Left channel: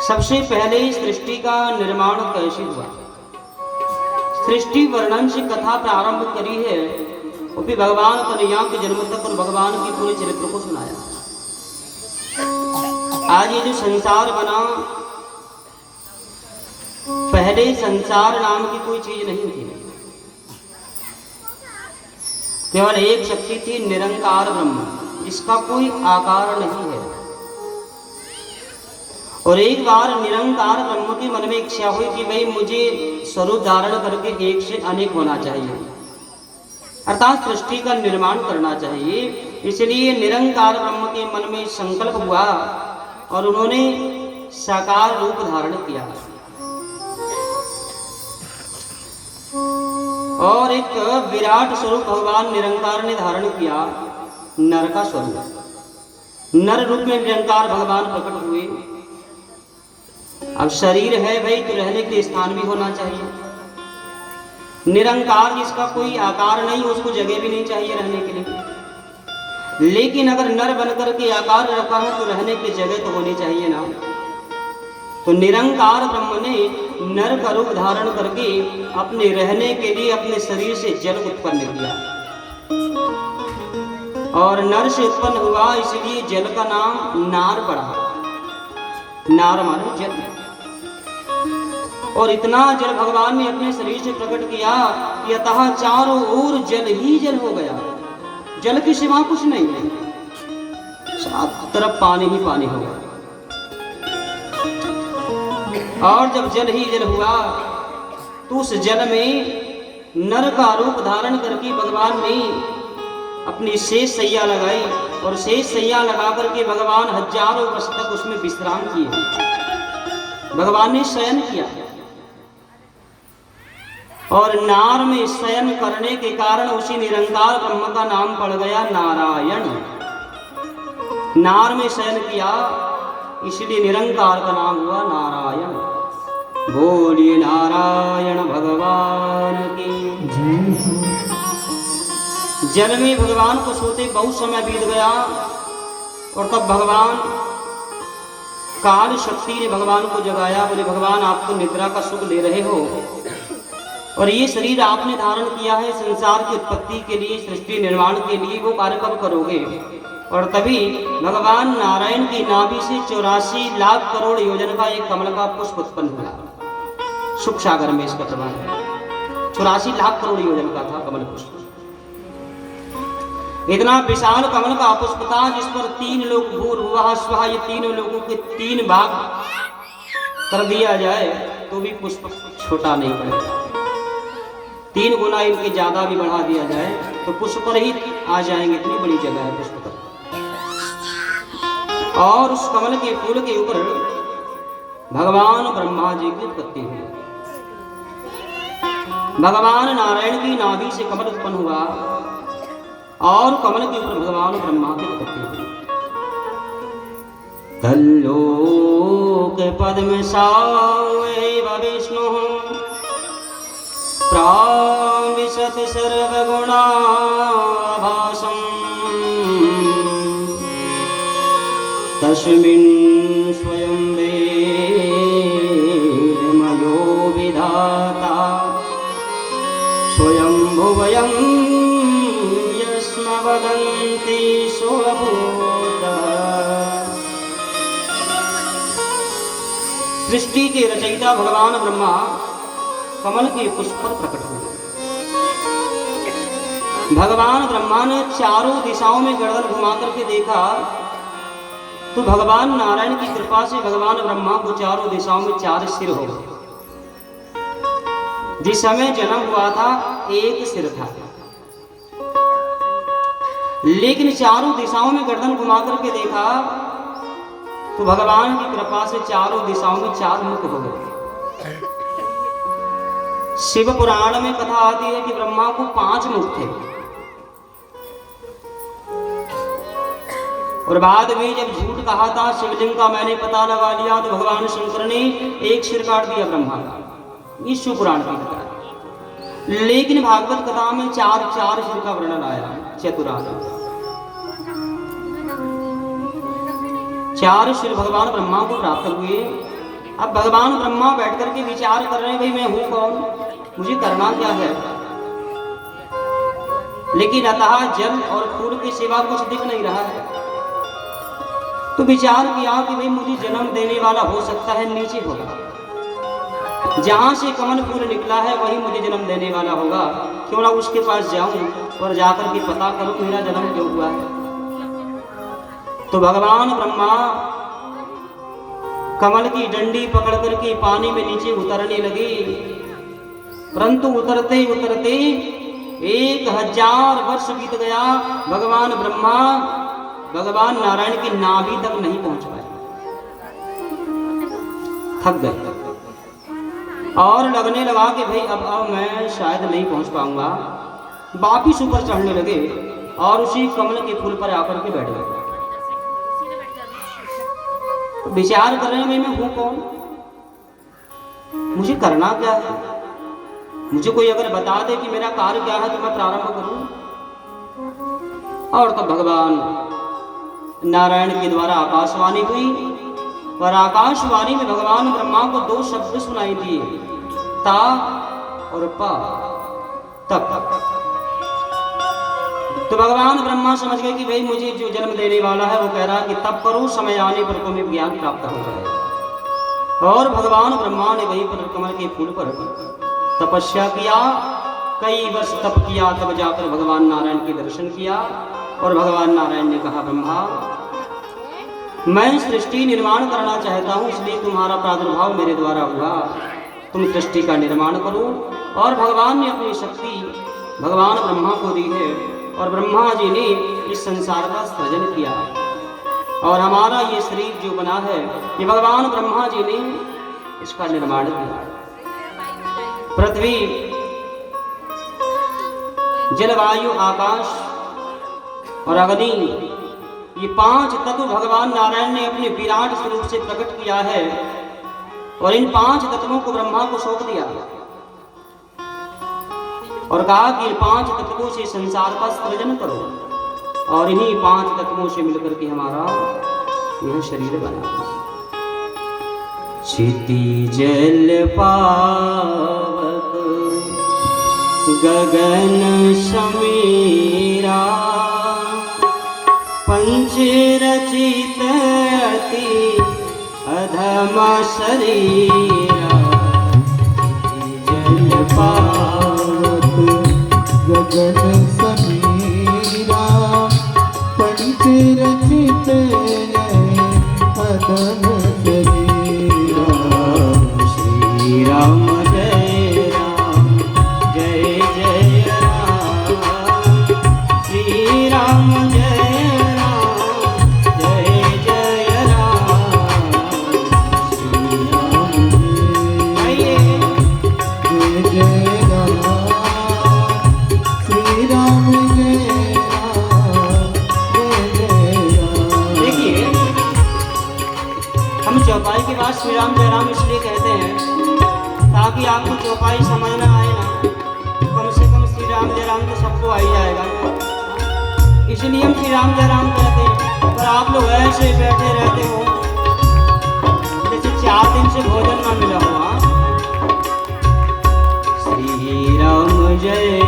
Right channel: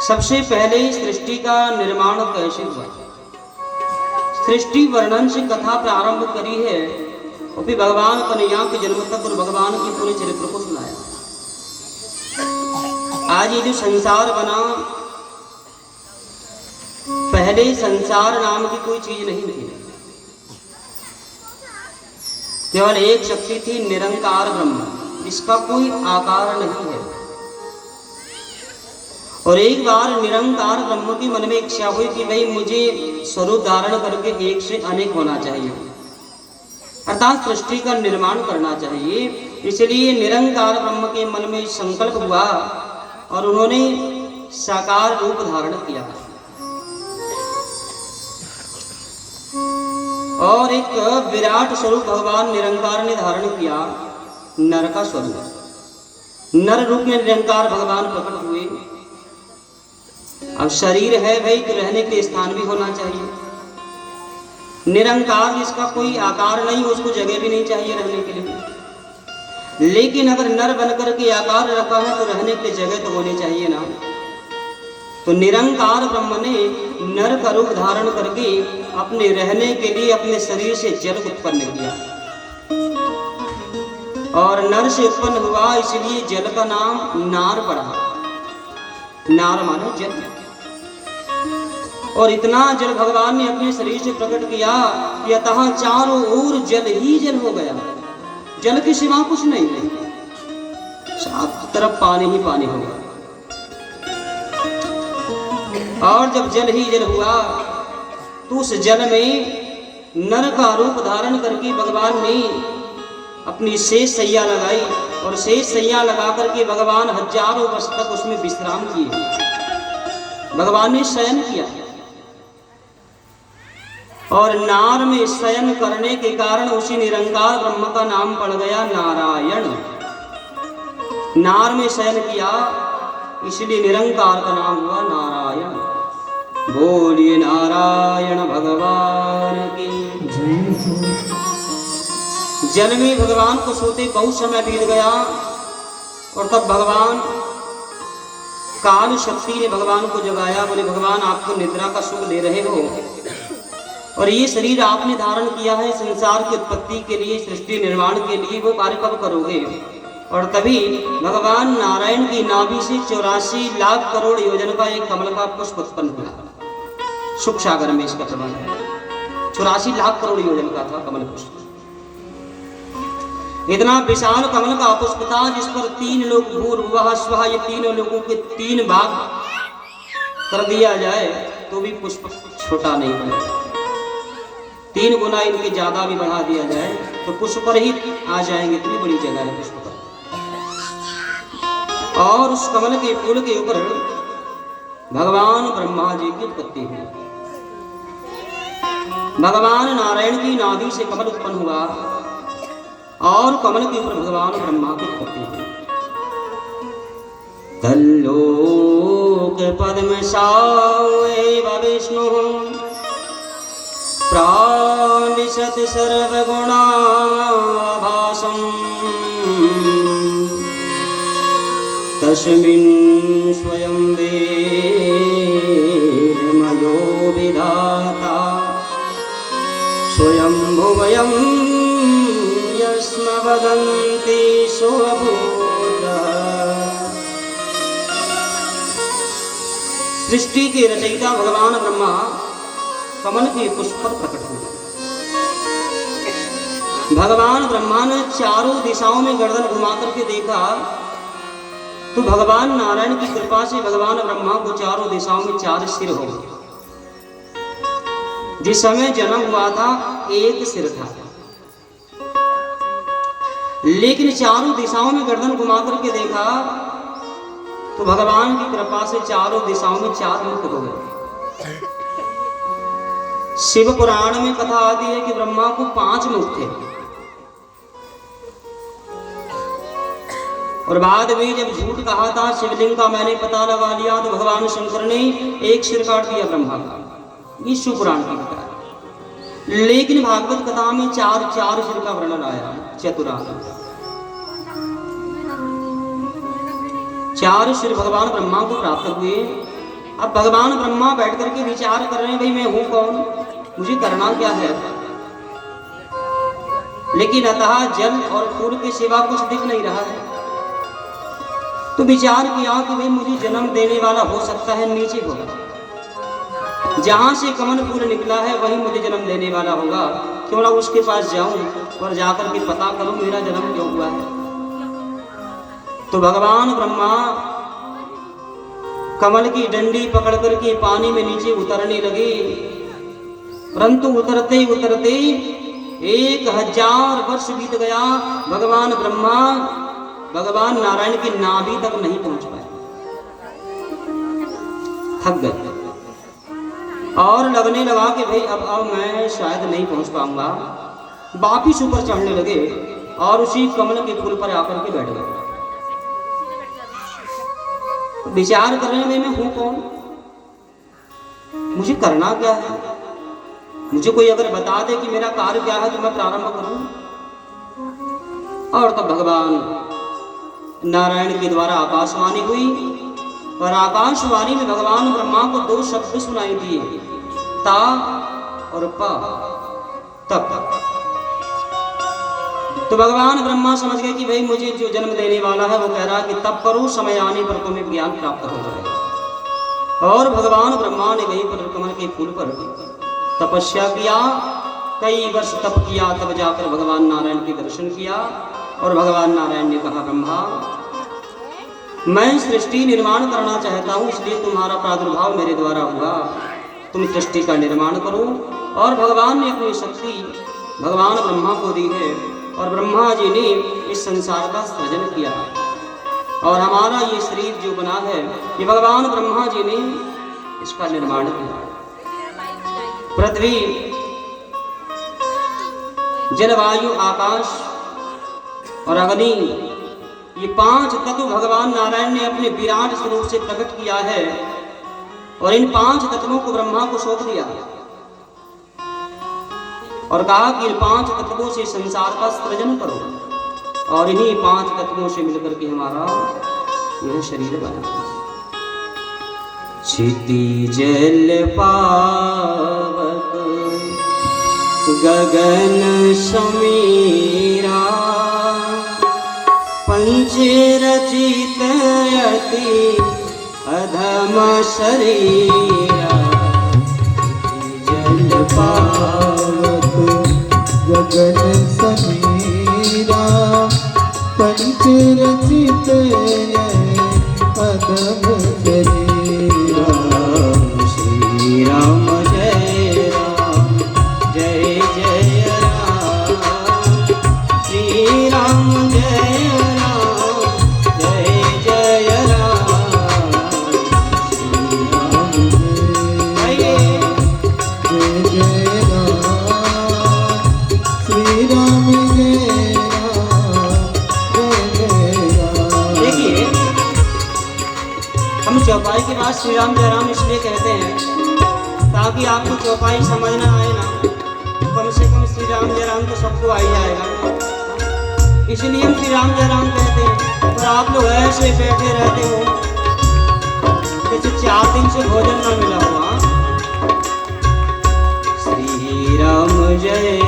सबसे पहले सृष्टि का निर्माण कैसे हुआ, सृष्टि वर्णन से कथा प्रारंभ करी है और फिर भगवान कन्हैया के जन्म तक और भगवान के पूरे चरित्र को सुनाया। आज ये जो संसार बना, पहले संसार नाम की कोई चीज नहीं थी, केवल एक शक्ति थी, निरंकार ब्रह्म, जिसका कोई आकार नहीं है। और एक बार निरंकार ब्रह्म के मन में इच्छा हुई कि भाई मुझे स्वरूप धारण करके एक से अनेक होना चाहिए, अर्थात सृष्टि का निर्माण करना चाहिए। इसलिए निरंकार ब्रह्म के मन में संकल्प हुआ और उन्होंने साकार रूप धारण किया और एक विराट स्वरूप भगवान निरंकार ने धारण किया, नर का स्वरूप। नर रूप में निरंकार भगवान प्रकट हुए। अब शरीर है भाई तो रहने के लिए स्थान भी होना चाहिए। निरंकार जिसका कोई आकार नहीं, उसको जगह भी नहीं चाहिए रहने के लिए। लेकिन अगर नर बनकर के आकार रखा है तो रहने के लिए जगह तो होनी चाहिए ना। तो निरंकार ब्रह्म ने नर का रूप धारण करके अपने रहने के लिए अपने शरीर से जल उत्पन्न किया और नर से उत्पन्न हुआ, इसलिए जल का नाम नार पड़ा। नार मानो जल। और इतना जल भगवान ने अपने शरीर से प्रकट किया कि अतः चारों ओर जल ही जल हो गया, जल के सिवा कुछ नहीं है, सब तरफ पानी ही पानी हो गया। और जब जल ही जल हुआ तो उस जल में नर का रूप धारण करके भगवान ने अपनी शेष सैया लगाई और शेष सैया लगा करके भगवान हजारों वर्ष तक उसमें विश्राम किए। भगवान ने शयन किया और नार में शयन करने के कारण उसी निरंकार ब्रह्म का नाम पड़ गया नारायण। नार में शयन किया इसलिए निरंकार का नाम हुआ नारायण। बोलिए नारायण भगवान की जय। जल में भगवान को सोते बहुत समय बीत गया और तब भगवान काल शक्ति ने भगवान को जगाया। बोले भगवान आप तो निद्रा का सुख ले रहे हो और ये शरीर आपने धारण किया है संसार की उत्पत्ति के लिए, सृष्टि निर्माण के लिए, वो कार्य कब करोगे? और तभी भगवान नारायण की नाभि से 84 लाख करोड़ योजन का एक कमल का पुष्प उत्पन्न हुआ। सुख सागर में इसका प्रमाण है। 84 लाख करोड़ योजन का था कमल पुष्प। इतना विशाल कमल का पुष्प था जिस पर 3 लोग भूर्भुवः स्वः, ये तीनों लोगों के 3 भाग कर दिया जाए तो भी पुष्प छोटा नहीं बनेगा। 3 गुना इनके ज्यादा भी बढ़ा दिया जाए तो पुष्प पर ही आ जाएंगे, इतनी बड़ी जगह है पुष्प पर। और उस कमल के फूल के ऊपर भगवान ब्रह्मा जी की उत्पत्ति हुई। भगवान नारायण की नाभि से कमल उत्पन्न हुआ और कमल के ऊपर भगवान ब्रह्मा की उत्पत्ति हुई। तल्लोक पद्म सावेव विष्णु प्राविशत सर्वगुणाभासम् तस्मिन् स्वयं वेदमयो विधाता स्वयं भुवयं यस्म वदन्ति स्वभूतः। सृष्टि के रचयिता भगवान ब्रह्मा कमल के पुष्प पर प्रकट हुए। भगवान ब्रह्मा ने चारों दिशाओं में गर्दन घुमा करके देखा तो भगवान नारायण की कृपा से भगवान ब्रह्मा को चारों दिशाओं में 4 सिर हो गए। जिस समय जन्म हुआ था एक सिर था, लेकिन चारों दिशाओं में गर्दन घुमा करके देखा तो भगवान की कृपा से चारों दिशाओं में 4 मुख हो गए। शिव पुराण में कथा आती है कि ब्रह्मा को 5 मुख थे और बाद में जब झूठ कहा था शिवलिंग का मैंने पता लगा लिया तो भगवान शंकर ने एक सिर काट दिया ब्रह्मा का। ये शिव पुराण की कथा है। लेकिन भागवत कथा में 4 सिर का वर्णन आया। चतुरानन 4 सिर भगवान ब्रह्मा को प्राप्त हुए अब भगवान ब्रह्मा बैठ करके विचार कर रहे हैं, भाई मैं हूं कौन, मुझे करना क्या है। लेकिन अतः जल और फूल के सिवा कुछ दिख नहीं रहा है। तो विचार किया कि भाई मुझे जन्म देने वाला हो सकता है नीचे होगा, जहां से कमल फूल निकला है वही मुझे जन्म देने वाला होगा। क्यों ना उसके पास जाऊं और जाकर के पता करूं मेरा जन्म क्यों हुआ है। तो भगवान ब्रह्मा कमल की डंडी पकड़ करके पानी में नीचे उतरने लगे, परंतु उतरते उतरते 1000 वर्ष बीत गया। भगवान ब्रह्मा भगवान नारायण की नाभि तक नहीं पहुंच पाए, थक गए और लगने लगा कि भाई अब मैं शायद नहीं पहुंच पाऊंगा। वापिस ऊपर चढ़ने लगे और उसी कमल के फूल पर आकर के बैठ गए। विचार कर रहे हैं मैं हूं कौन, मुझे करना क्या है। मुझे कोई अगर बता दे कि मेरा कार्य क्या है तो मैं प्रारंभ करूं। और तब भगवान नारायण के द्वारा आकाशवाणी हुई और आकाशवाणी में भगवान ब्रह्मा को 2 शब्द सुनाई दिए, ता और पा, तप। तो भगवान ब्रह्मा समझ गए कि भाई मुझे जो जन्म देने वाला है वो कह रहा है कि तप करो, समय आने पर तुम्हें ज्ञान प्राप्त हो जाएगा। और भगवान ब्रह्मा ने वहीं पर कमल के फूल पर तपस्या किया, कई वर्ष तप किया, तब जाकर भगवान नारायण के दर्शन किया। और भगवान नारायण ने कहा, ब्रह्मा मैं सृष्टि निर्माण करना चाहता हूँ, इसलिए तुम्हारा प्रादुर्भाव मेरे द्वारा हुआ, तुम सृष्टि का निर्माण करो। और भगवान ने अपनी शक्ति भगवान ब्रह्मा को दी है और ब्रह्मा जी ने इस संसार का सृजन किया और हमारा ये शरीर जो बना है ये भगवान ब्रह्मा जी ने इसका निर्माण किया। पृथ्वी, जलवायु, आकाश और अग्नि, ये 5 तत्व भगवान नारायण ने अपने विराट स्वरूप से प्रकट किया है और इन 5 तत्वों को ब्रह्मा को सौंप दिया और कहा कि इन 5 तत्वों से संसार का सृजन करो और इन्हीं 5 तत्वों से मिलकर के हमारा यह शरीर बना। क्षिति जल पावक गगन समीरा, पंच रचित अति अधम शरीरा। जल पावक गगन समीरा, पंच रचित अधम शरीरा। श्री राम जय राम, जय जय राम। श्री राम जय राम, जय जय राम। श्री राम जय जय राम, श्री राम जय राम, जय जय राम। देखिए, हम चौपाई के बाद श्री राम जय राम इसलिए कहते हैं ताकि आपको चौपाई समझ ना आए ना, कम से कम श्री राम जय राम तो सबको आ ही जाएगा। इसलिए हम श्री राम जय राम कहते हैं। और आप लोग ऐसे बैठे रहते हो जैसे 4 दिन से भोजन ना मिला हुआ। श्री राम जय